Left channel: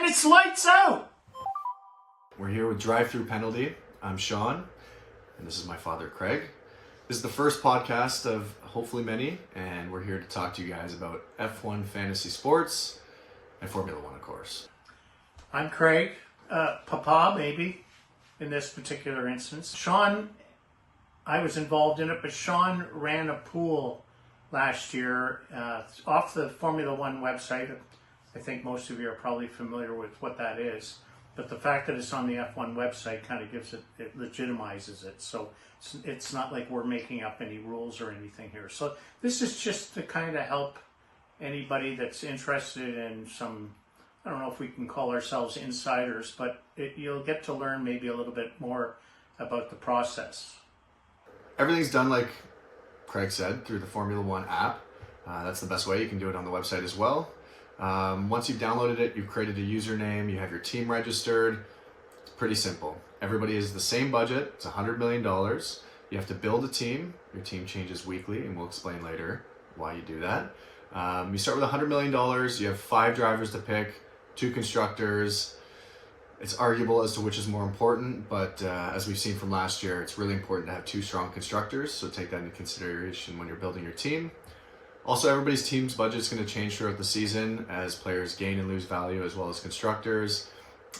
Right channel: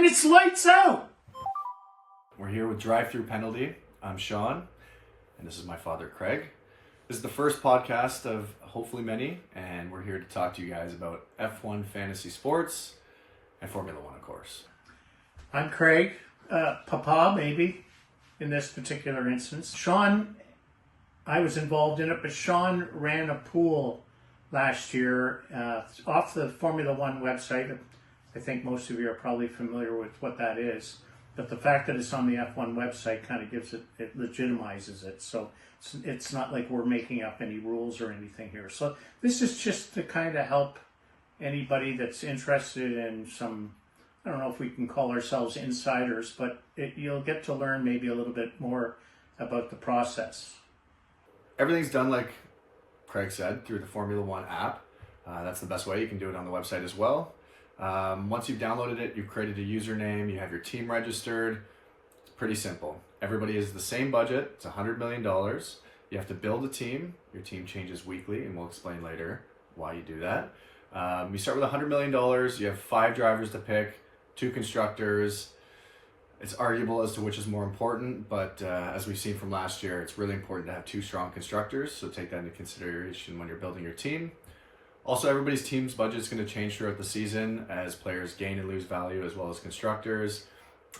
And it's lights out. We're here with Drive Thru Penalty. I'm Sean, and this is my father, Craig. This is the first podcast of hopefully many, and we're here to talk to you guys about F1 fantasy sports and Formula One, of course. I'm Craig, Papa maybe, in this particular instance. Sean, I was involved in it, but Sean ran a pool last year off the Formula One website. I think most of you are probably familiar with what that is. But the fact that it's on the F1 website kind of gives it legitimizes it. So it's not like we're making up any rules or anything here. So this is just to kind of help anybody that's interested in some, I don't know if we can call ourselves insiders, but you'll get to learn maybe a little bit more about the process. Everything's done, like Craig said, through the Formula One app. That's the best way. You can do it on the website as well. Once you've downloaded it, you've created a username, you have your team registered. It's pretty simple. Everybody has the same budget. It's $100 million. You have to build a team. Your team changes weekly, and we'll explain later why you do that. You start with $100 million. You have 5 drivers to pick, 2 constructors. It's arguable as to which is more important, but as we've seen from last year, it's really important to have 2 strong constructors, so take that into consideration when you're building your team. Also, everybody's team's budget is going to change throughout the season as players gain and lose value, as well as constructors.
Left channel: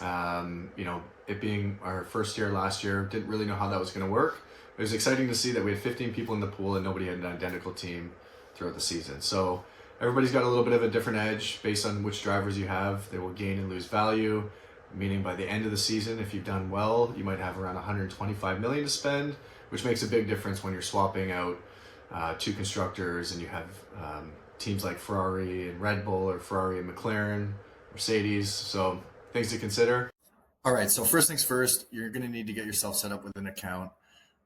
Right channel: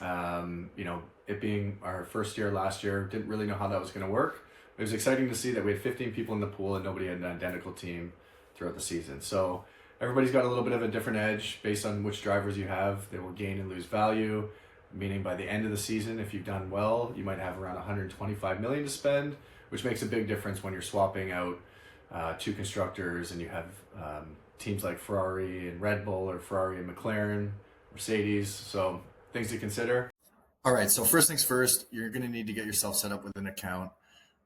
It being our first year last year, didn't really know how that was going to work. It was exciting to see that we had 15 people in the pool and nobody had an identical team throughout the season. So everybody's got a little bit of a different edge based on which drivers you have. They will gain and lose value, meaning by the end of the season, if you've done well, you might have around $125 million to spend, which makes a big difference when you're swapping out 2 constructors and you have teams like Ferrari and Red Bull, or Ferrari and McLaren, Mercedes. So things to consider. All right, so first things first, you're going to need to get yourself set up with an account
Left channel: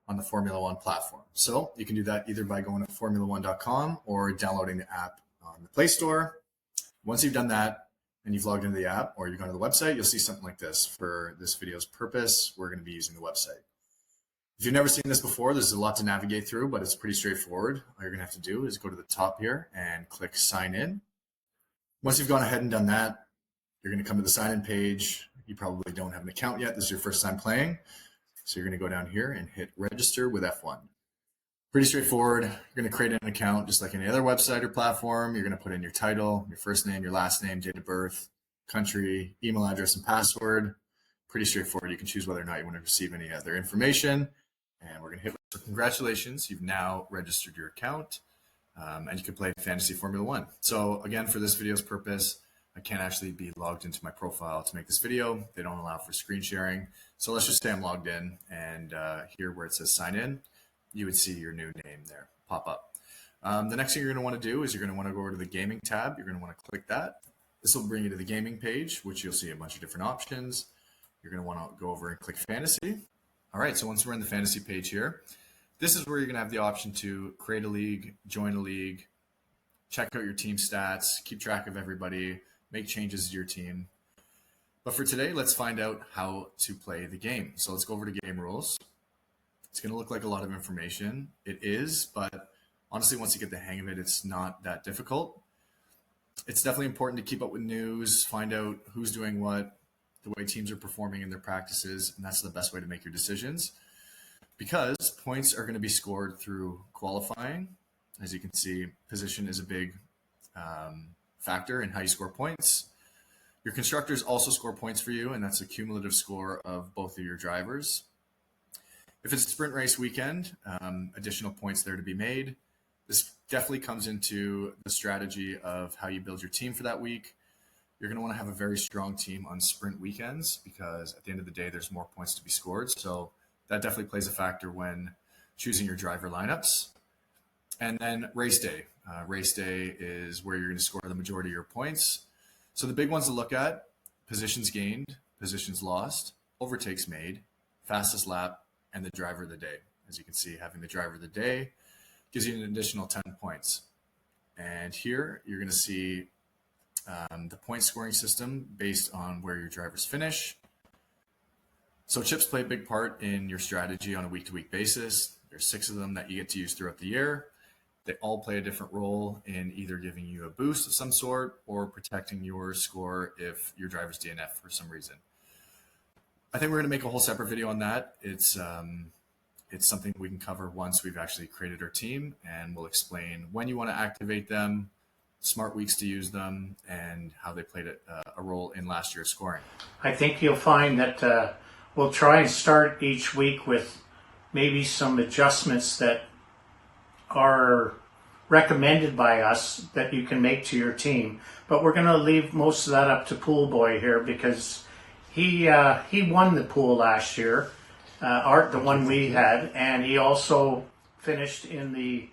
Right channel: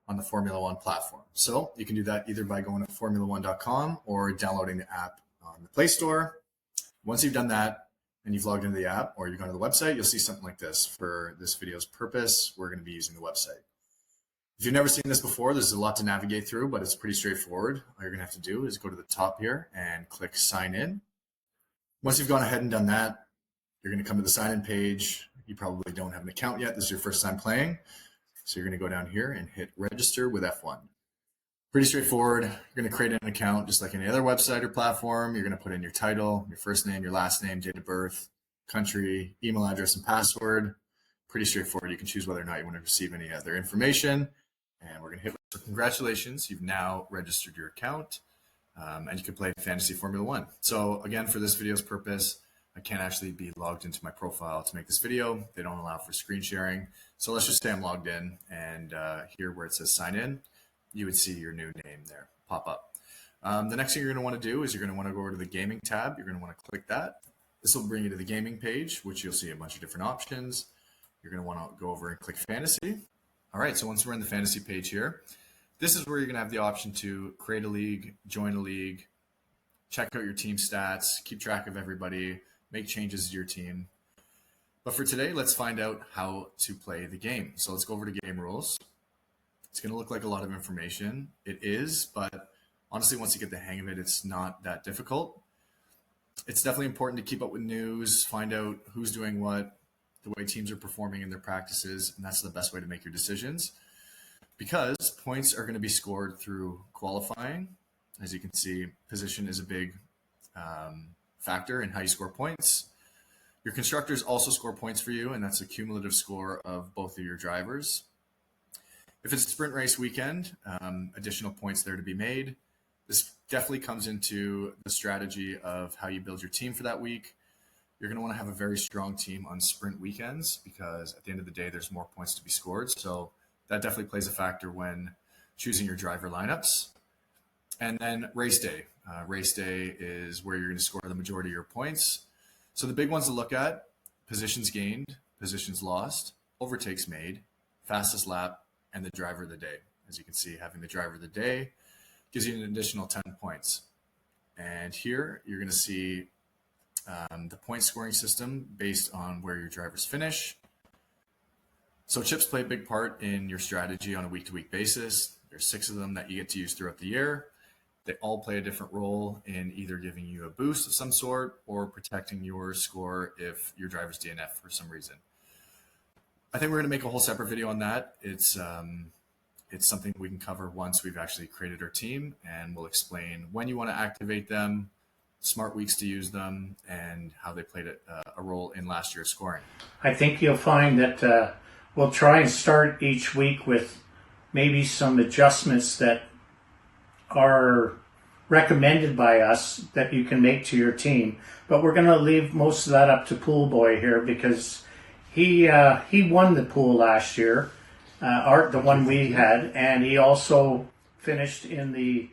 on the Formula One platform. So you can do that either by going to formula1.com or downloading the app on the Play Store. Once you've done that and you've logged into the app or you've gone to the website, you'll see something like this. For this video's purpose, we're going to be using the website. If you've never seen this before, there's a lot to navigate through, but it's pretty straightforward. All you're going to have to do is go to the top here and click sign in. Once you've gone ahead and done that, you're going to come to the sign in page. You probably don't have an account yet. This is your first time playing. So you're going to go down here and hit register with F1. Pretty straightforward. You're going to create an account just like any other website or platform. You're going to put in your title, your first name, your last name, date of birth, country, email address, and password. Pretty straightforward. You can choose whether or not you want to receive any other information. And we're going to hit. So congratulations, you've now registered your account, and you can play Fantasy Formula One. So again, for this video's purpose, I can't actually be logged into my profile to make this video. They don't allow for screen sharing. So let's just say I'm logged in, and here where it says sign in, you would see your new name there pop up. The next thing you're going to want to do is you're going to want to go over to the gaming tab. You're going to want to click that. This will bring you to the gaming page, which you'll see a bunch of different options. You're going to want to go over and click fantasy. All right, so once we're in the fantasy page here, this is where you're going to have the option to create a league, join a league, check out your team stats, keep track of everybody, make changes to your team. But for today, let's find out how to play the game. So let's go over to game rules. It's going to look like a lot of information. It is, but honestly, once you get the hang of it, it's not that difficult. It's definitely important to keep up with news, find out who's doing what, the way teams are performing in their practices, and that's the best way to make your decisions, because points are going to be scored through qualifying. As you can see, position is a big factor in how you score points. Your constructors also score points for you, and that's a cumulative score of both of your drivers. If it's a sprint race weekend, additional points there to be made. This definitely comes into the strategy of how you build your team for that week. You're going to want to have a very strong team on sprint weekends because at the end of the day, there's more points to be scored. So that definitely plays a factor when choosing your driver lineups. And then race day. Race day is where you're going to score the majority of your points. So the big ones to look at: positions gained, positions lost, overtakes made, fastest lap, and the driver of the day. As you can see, having the driver of the day gives you an additional 10 points. And here you're going to see the point scoring system based on where your drivers finish. So chips play a big part in your strategy on a week-to-week basis. There's 6 of them that you get to use throughout the year. They all play a different role in either giving you a boost of some sort or protecting your score if your driver's DNF for some reason. I think we're going to make a whole separate video on that. It's something we can cover once we've actually created our team, and we'll explain when you want to activate them, smart weeks to use them, and how they played a role in last year's scoring. I think you'll find that we'll try and start each week with maybe some adjustments that are recommended by us that you can make to your team. But we're going to leave most of that up to Pool Boy here, because he won the pool last year, the one we had, and he also finished in the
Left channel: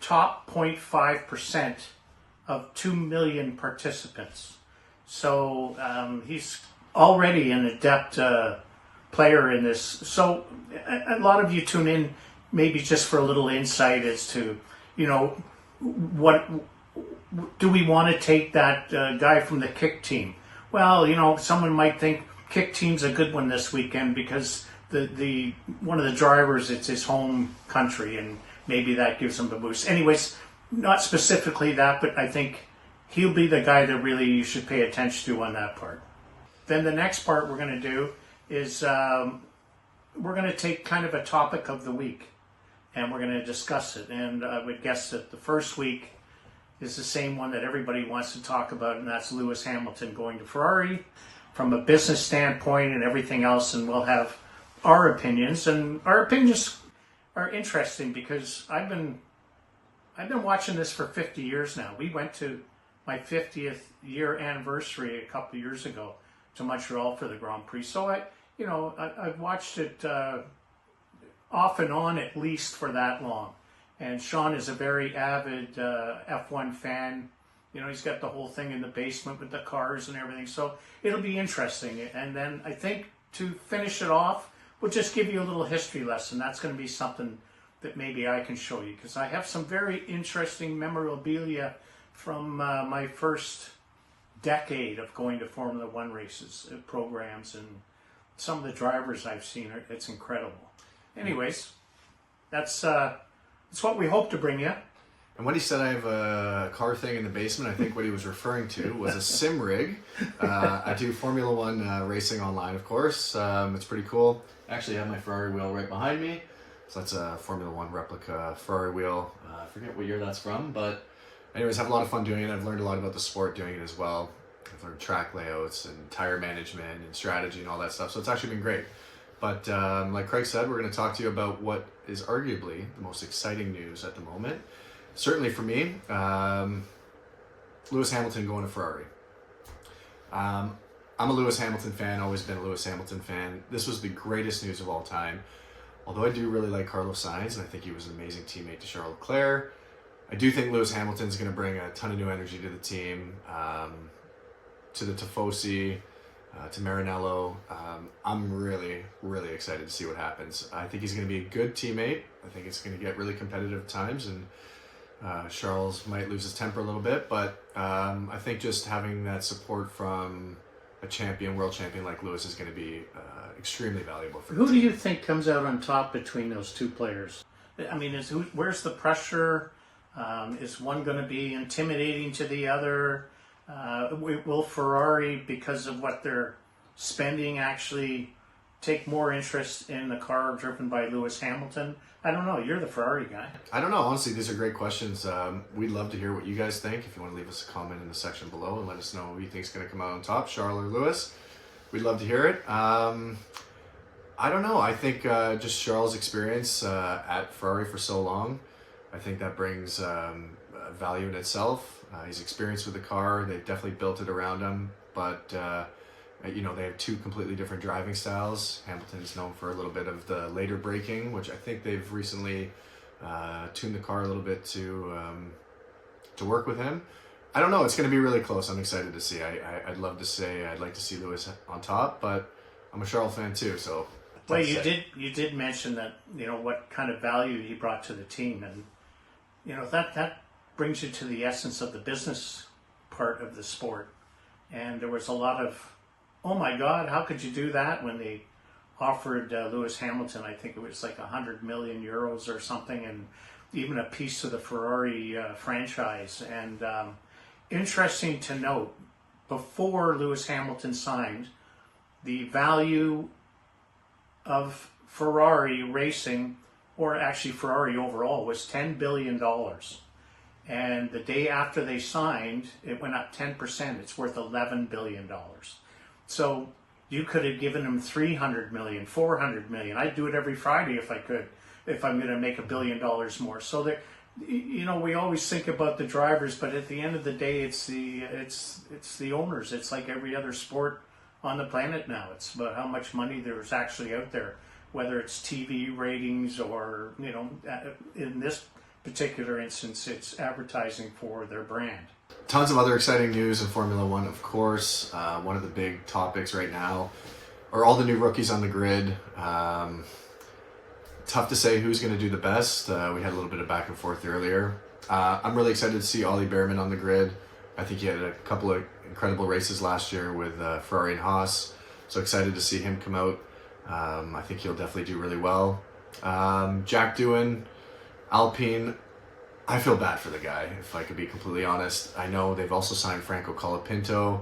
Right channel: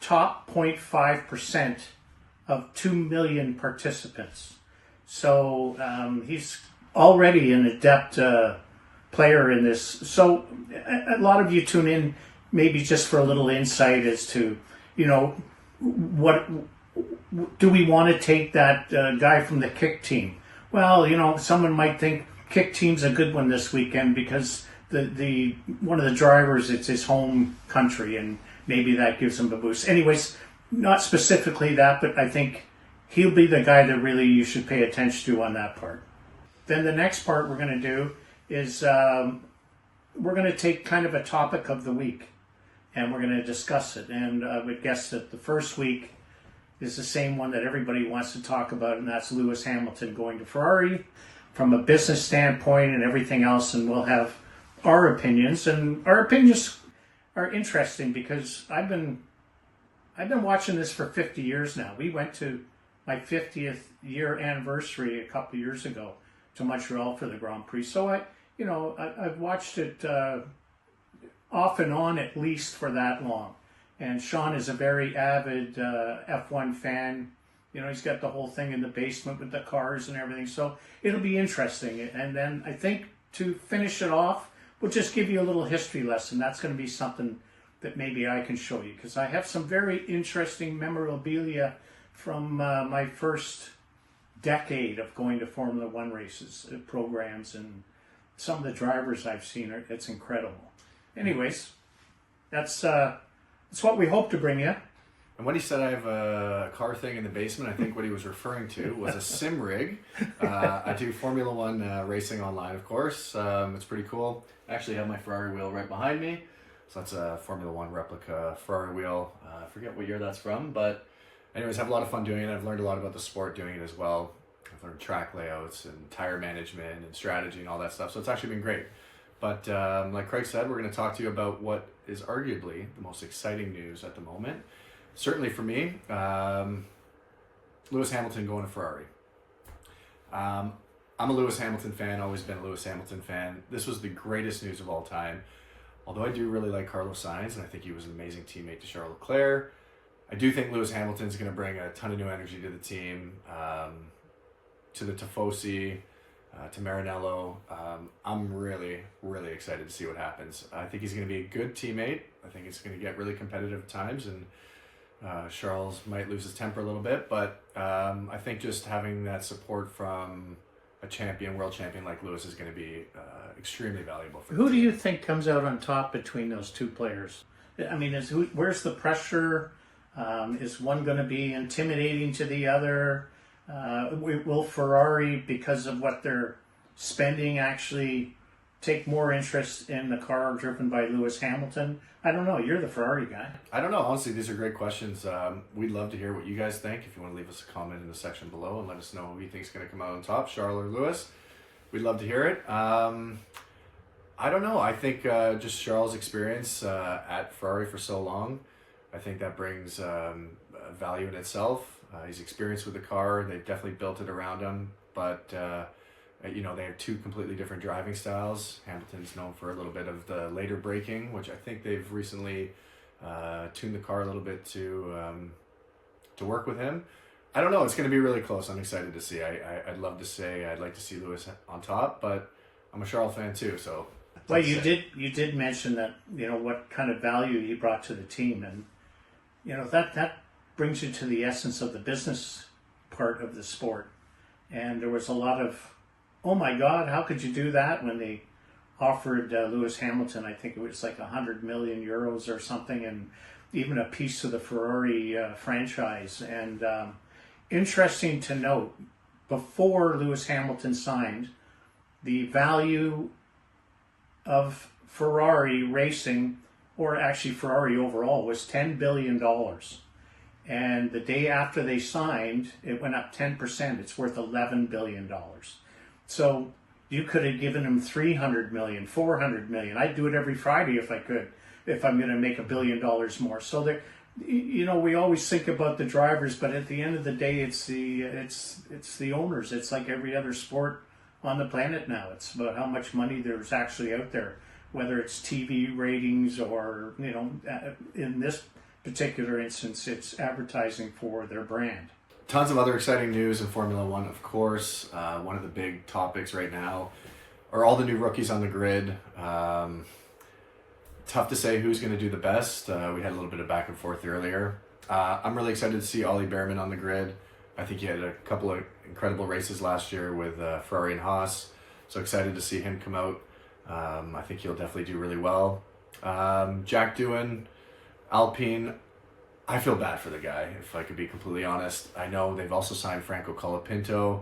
top 0.5% of 2 million participants. So he's already an adept player in this. So a lot of you tune in maybe just for a little insight as to, what do we want to take that guy from the kick team? Well, someone might think kick team's a good one this weekend because the one of the drivers, it's his home country, and maybe that gives him a boost. Anyways, not specifically that, but I think he'll be the guy that really you should pay attention to on that part. Then the next part we're going to do is we're going to take kind of a topic of the week, and we're going to discuss it. And I would guess that the first week is the same one that everybody wants to talk about, and that's Lewis Hamilton going to Ferrari from a business standpoint and everything else. And we'll have our opinions, and our opinions are interesting because I've been watching this for 50 years now. We went to my 50th year anniversary a couple of years ago to Montreal for the Grand Prix. So I've watched it off and on at least for that long. And Sean is a very avid F1 fan. He's got the whole thing in the basement with the cars and everything. So it'll be interesting. And then I think to finish it off, we'll just give you a little history lesson. That's going to be something that maybe I can show you, because I have some very interesting memorabilia from my first decade of going to Formula One races, programs, and some of the drivers I've seen. It's incredible. Anyways, that's what we hope to bring you. And when he said I have a car thing in the basement, I think what he was referring to was a sim rig. I do Formula One racing online, of course. It's pretty cool. I actually have my Ferrari wheel right behind me. So that's a Formula One replica Ferrari wheel. I forget what year that's from, but anyways, I have a lot of fun doing it. I've learned a lot about the sport doing it as well. I've learned track layouts and tire management and strategy and all that stuff. So it's actually been great. But like Craig said, we're going to talk to you about what is arguably the most exciting news at the moment. Certainly for me, Lewis Hamilton going to Ferrari. I'm a Lewis Hamilton fan, always been a Lewis Hamilton fan. This was the greatest news of all time. Although I do really like Carlos Sainz, and I think he was an amazing teammate to Charles Leclerc, I do think Lewis Hamilton's going to bring a ton of new energy to the team, to the Tifosi, to Maranello. I'm really, really excited to see what happens. I think he's going to be a good teammate. I think it's going to get really competitive at times, and Charles might lose his temper a little bit, but I think just having that support from a world champion like Lewis is going to be extremely valuable for the Who team. do you think comes out on top between those two players? I mean, where's the pressure? Is one going to be intimidating to the other? Will Ferrari, because of what they're spending, actually take more interest in the car driven by Lewis Hamilton? I don't know. You're the Ferrari guy. I don't know. Honestly, these are great questions. We'd love to hear what you guys think. If you want to leave us a comment in the section below and let us know who you think is going to come out on top, Charles or Lewis, we'd love to hear it. I don't know. I think just Charles' experience at Ferrari for so long, I think that brings value in itself. He's experienced with the car. They've definitely built it around him, but they have two completely different driving styles. Hamilton's known for a little bit of the later braking, which I think they've recently tuned the car a little bit to work with him. I don't know. It's going to be really close. I'm excited to see. I'd love to say I'd like to see Lewis on top, but I'm a Charles fan too, so. Well, you did mention that, what kind of value he brought to the team, and that brings you to the essence of the business part of the sport. And there was a lot of, oh my God, how could you do that, when they offered Lewis Hamilton, I think it was like 100 million euros or something, and even a piece of the Ferrari franchise. And interesting to note, before Lewis Hamilton signed, the value of Ferrari racing, or actually Ferrari overall, was $10 billion. And the day after they signed, it went up 10%. It's worth $11 billion. So you could have given them 300 million, 400 million. I'd do it every Friday if I could, if I'm going to make $1 billion more. So that, you know, we always think about the drivers, but at the end of the day, it's the owners. It's like every other sport on the planet now. It's about how much money there's actually out there, whether it's TV ratings or, you know, in this particular instance, it's advertising for their brand. Tons of other exciting news in Formula One, of course. One of the big topics right now are all the new rookies on the grid. Tough to say who's going to do the best. We had a little bit of back and forth earlier. I'm really excited to see Ollie Behrman on the grid. I think he had a couple of incredible races last year with Ferrari and Haas. So excited to see him come out. I think he'll definitely do really well. Jack Doohan, Alpine, I feel bad for the guy, if I could be completely honest. I know they've also signed Franco Colapinto,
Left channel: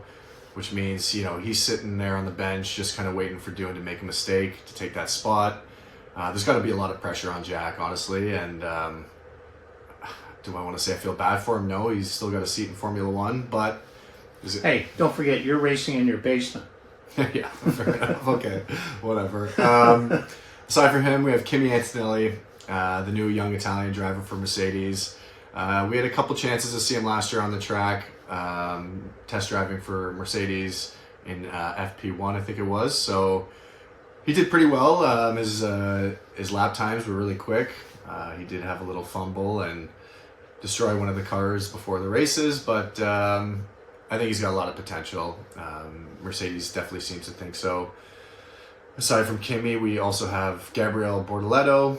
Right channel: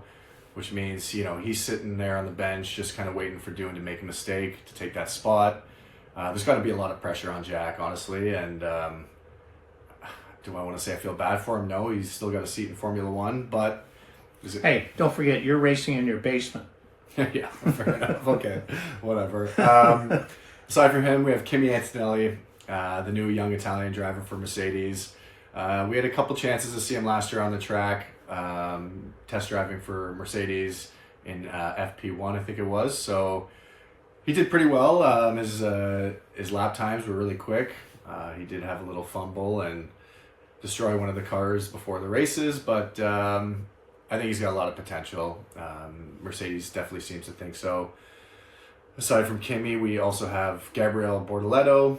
which means, you know, he's sitting there on the bench just kind of waiting for Doohan to make a mistake to take that spot. There's got to be a lot of pressure on Jack, honestly, and do I want to say I feel bad for him? No, he's still got a seat in Formula One, but... Hey, don't forget, you're racing in your basement. Yeah, fair enough. Okay, whatever. Aside from him, we have Kimi Antonelli, the new young Italian driver for Mercedes. We had a couple chances to see him last year on the track, test driving for Mercedes in FP1, I think it was. So he did pretty well. His lap times were really quick. He did have a little fumble and destroy one of the cars before the races, but I think he's got a lot of potential. Mercedes definitely seems to think so. Aside from Kimi, we also have Gabriel Bortoleto,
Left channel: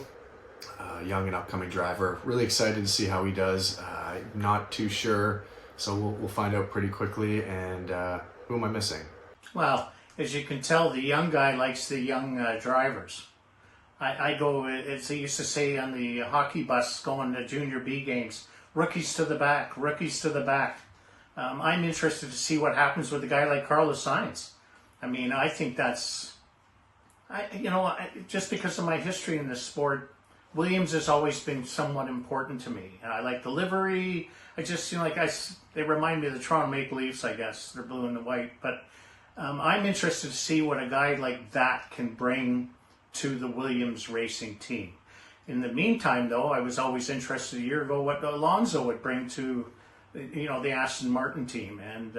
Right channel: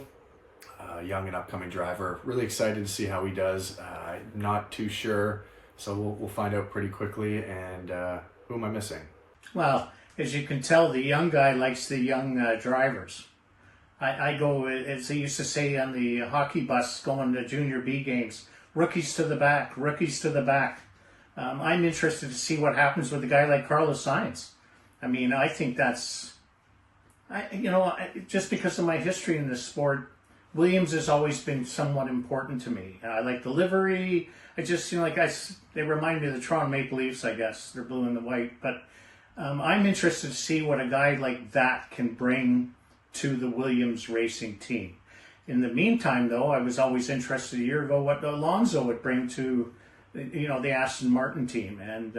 young and upcoming driver. Really excited to see how he does. Not too sure, so we'll find out pretty quickly. And who am I missing? Well, as you can tell, the young guy likes the young drivers. I go, as they used to say on the hockey bus going to junior B games, rookies to the back, rookies to the back. I'm interested to see what happens with a guy like Carlos Sainz. I mean, I think that's, just because of my history in this sport, Williams has always been somewhat important to me. I like the livery. I just, they remind me of the Toronto Maple Leafs, I guess. They're blue and the white. But I'm interested to see what a guy like that can bring to the Williams racing team. In the meantime, though, I was always interested a year ago what Alonso would bring to, the Aston Martin team. And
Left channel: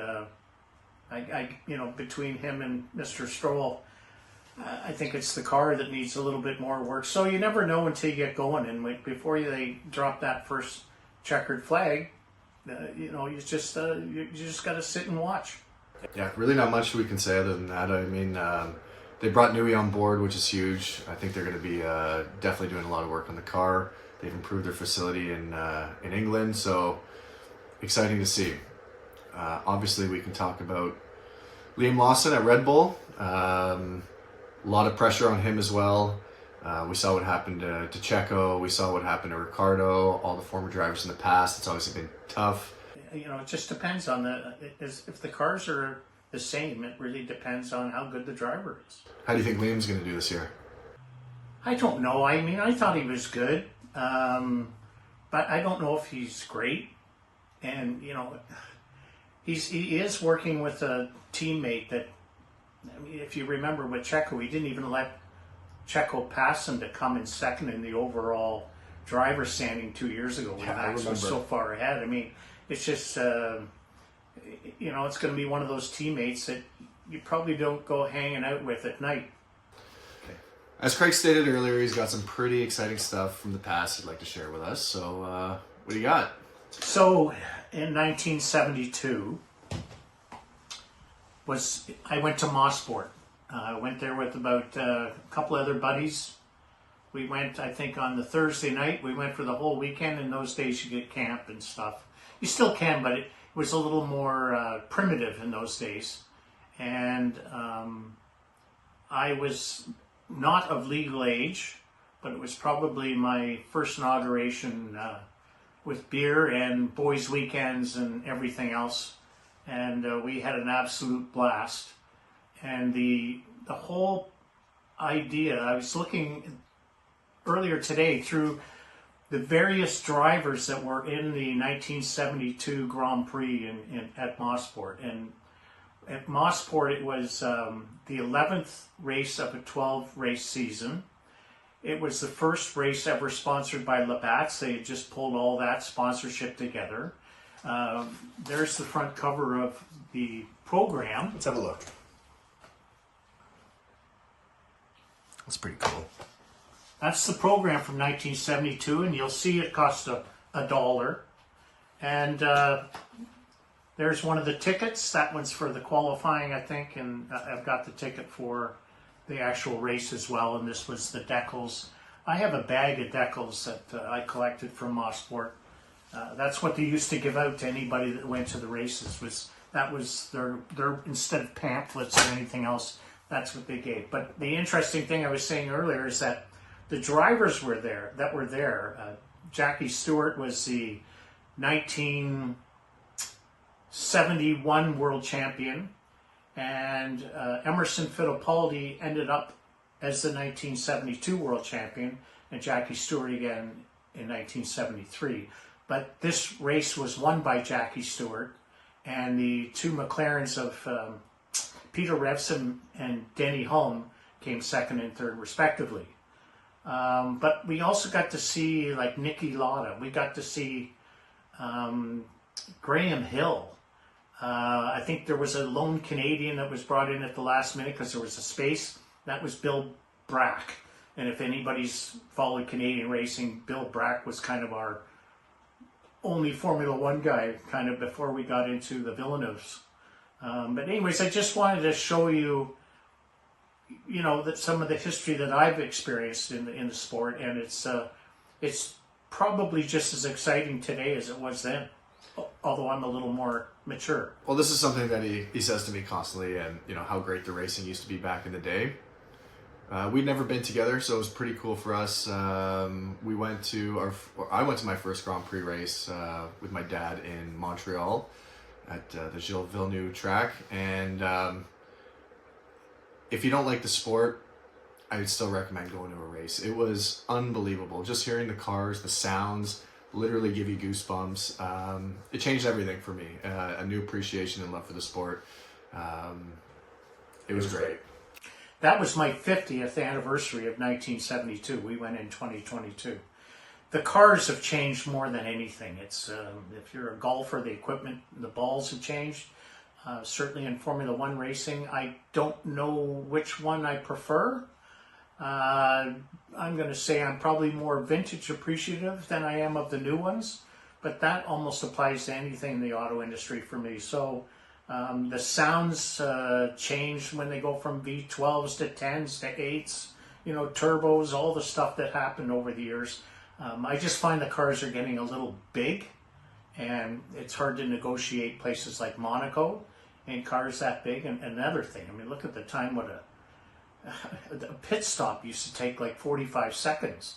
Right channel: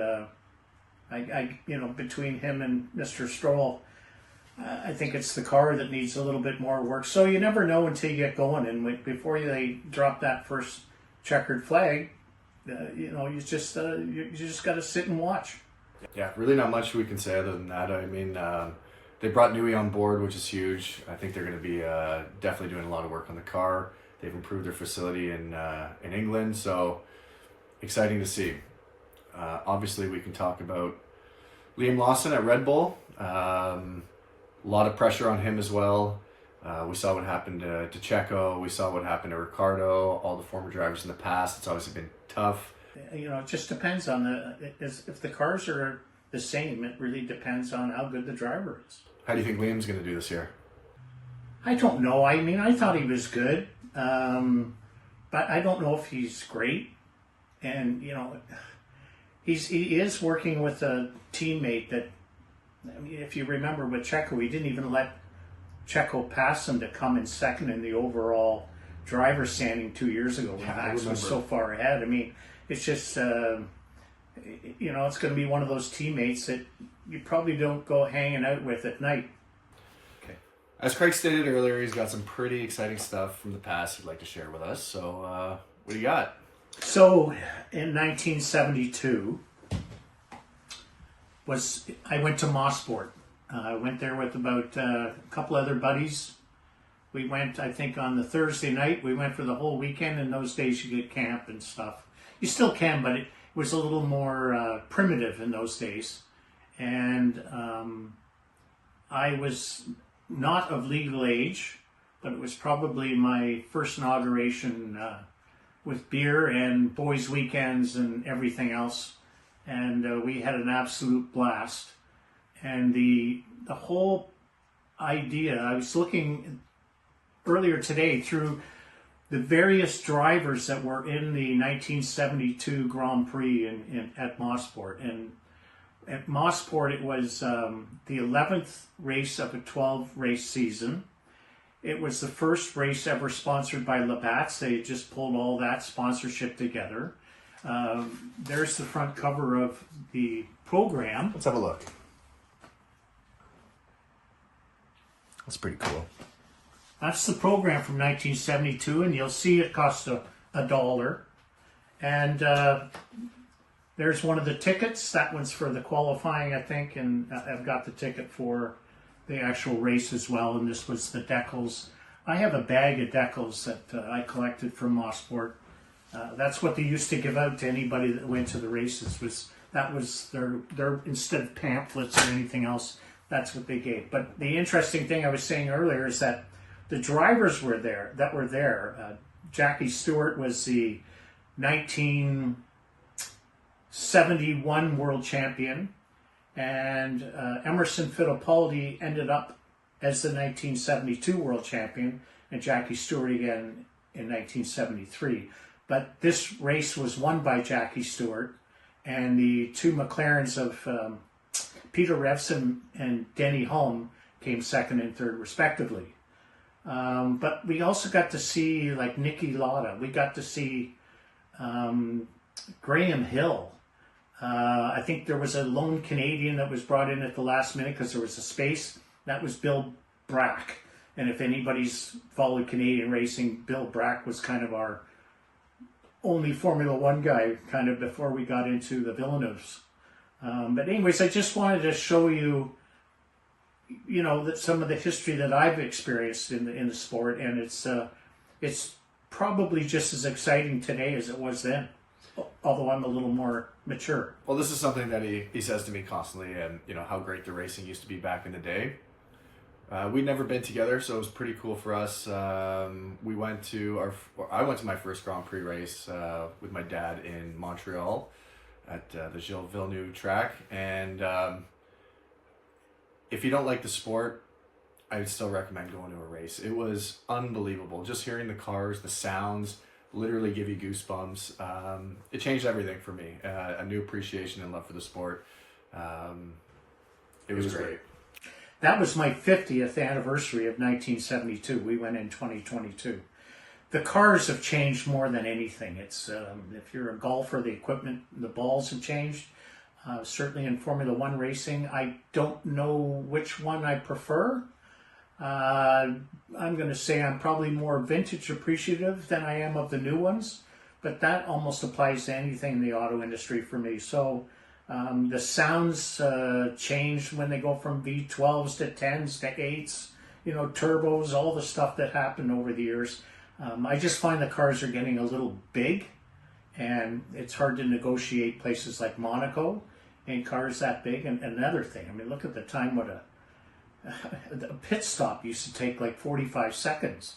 between him and Mr. Stroll, I think it's the car that needs a little bit more work. So you never know until you get going. And before they drop that first checkered flag, you just got to sit and watch. Yeah, really not much we can say other than that. I mean, they brought Newey on board, which is huge. I think they're going to be definitely doing a lot of work on the car. They've improved their facility in England, so exciting to see. Obviously, we can talk about Liam Lawson at Red Bull. A lot of pressure on him as well. We saw what happened to Checo. We saw what happened to Ricardo, all the former drivers in the past. It's obviously been tough. It just depends on if the cars are the same, it really depends on how good the driver is. How do you think Liam's going to do this year? I don't know. I mean, I thought he was good, but I don't know if he's great. And, he is working with a teammate that, if you remember with Checo, he didn't even let Checo pass him to come in second in the overall driver standing 2 years ago when Max was so far ahead. I mean, it's just, it's going to be one of those teammates that you probably don't go hanging out with at night. Okay. As Craig stated earlier, he's got some pretty exciting stuff from the past he'd like to share with us. So, what do you got? So, in 1972, I went to Mosport. I went there with about a couple other buddies. We went, I think, on the Thursday night. We went for the whole weekend. In those days, you get camp and stuff. You still can, but it was a little more primitive in those days. And I was not of legal age, but it was probably my first inauguration with beer and boys' weekends and everything else. And we had an absolute blast. And the whole idea, I was looking earlier today through the various drivers that were in the 1972 Grand Prix at Mosport. And at Mosport, it was the 11th race of a 12-race season. It was the first race ever sponsored by Labatt's. They had just pulled all that sponsorship together. There's the front cover of the program. Let's have a look. That's pretty cool. That's the program from 1972, and you'll see it cost $1. And there's one of the tickets. That one's for the qualifying, I think, and I've got the ticket for the actual race as well. And this was the decals. I have a bag of decals that I collected from Mosport. That's what they used to give out to anybody that went to the races. That was their instead of pamphlets or anything else. That's what they gave. But the interesting thing I was saying earlier is that the drivers were there. Jackie Stewart was the 1971 world champion, and Emerson Fittipaldi ended up as the 1972 world champion, and Jackie Stewart again in 1973. But this race was won by Jackie Stewart, and the two McLarens of Peter Revson and Denny Hulme came second and third respectively. But we also got to see like Nicky Lauda. We got to see Graham Hill. I think there was a lone Canadian that was brought in at the last minute because there was a space. That was Bill Brack. And if anybody's followed Canadian racing, Bill Brack was kind of our only Formula One guy kind of before we got into the Villeneuves. But anyways, I just wanted to show you, that some of the history that I've experienced in the sport, and it's probably just as exciting today as it was then, although I'm a little more mature. Well, this is something that he says to me constantly, and how great the racing used to be back in the day. We'd never been together, so it was pretty cool for us. I went to my first Grand Prix race with my dad in Montreal at the Gilles Villeneuve track, and if you don't like the sport, I would still recommend going to a race. It was unbelievable. Just hearing the cars, the sounds, literally give you goosebumps. It changed everything for me. A new appreciation and love for the sport. It was great. That was my 50th anniversary of 1972. We went in 2022. The cars have changed more than anything. It's if you're a golfer, the equipment, the balls have changed. Certainly in Formula One racing, I don't know which one I prefer. I'm going to say I'm probably more vintage appreciative than I am of the new ones, but that almost applies to anything in the auto industry for me. So the sounds change when they go from V12s to 10s to 8s, turbos, all the stuff that happened over the years. I just find the cars are getting a little big, and it's hard to negotiate places like Monaco and cars that big. And another thing, look at the time what a pit stop used to take like 45 seconds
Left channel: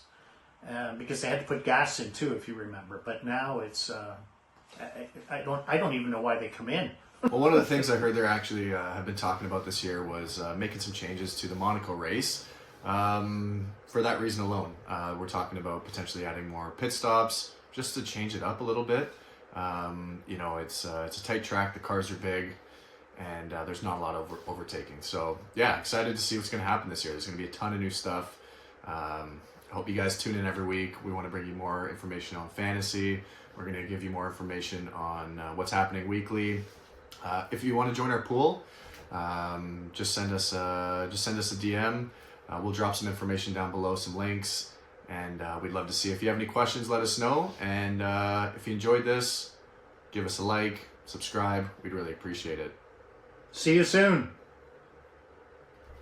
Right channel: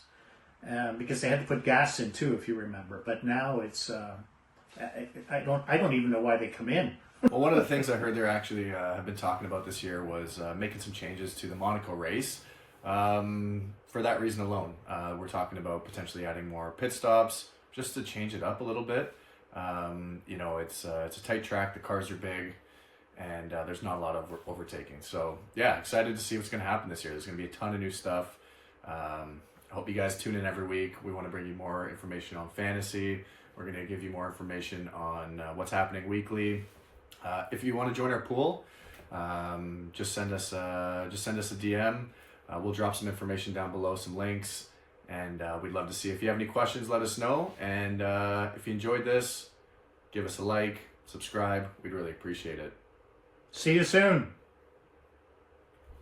because they had to put gas in too, if you remember. But now it's I don't even know why they come in. Well, one of the things I heard they actually have been talking about this year was making some changes to the Monaco race. For that reason alone, we're talking about potentially adding more pit stops just to change it up a little bit. It's a tight track. The cars are big, and there's not a lot of overtaking. So yeah, excited to see what's going to happen this year. There's going to be a ton of new stuff. I hope you guys tune in every week. We want to bring you more information on fantasy. We're going to give you more information on what's happening weekly. If you want to join our pool, just send us a DM. We'll drop some information down below, some links, and we'd love to see. If you have any questions, let us know. And if you enjoyed this, give us a like, subscribe. We'd really appreciate it. See you soon.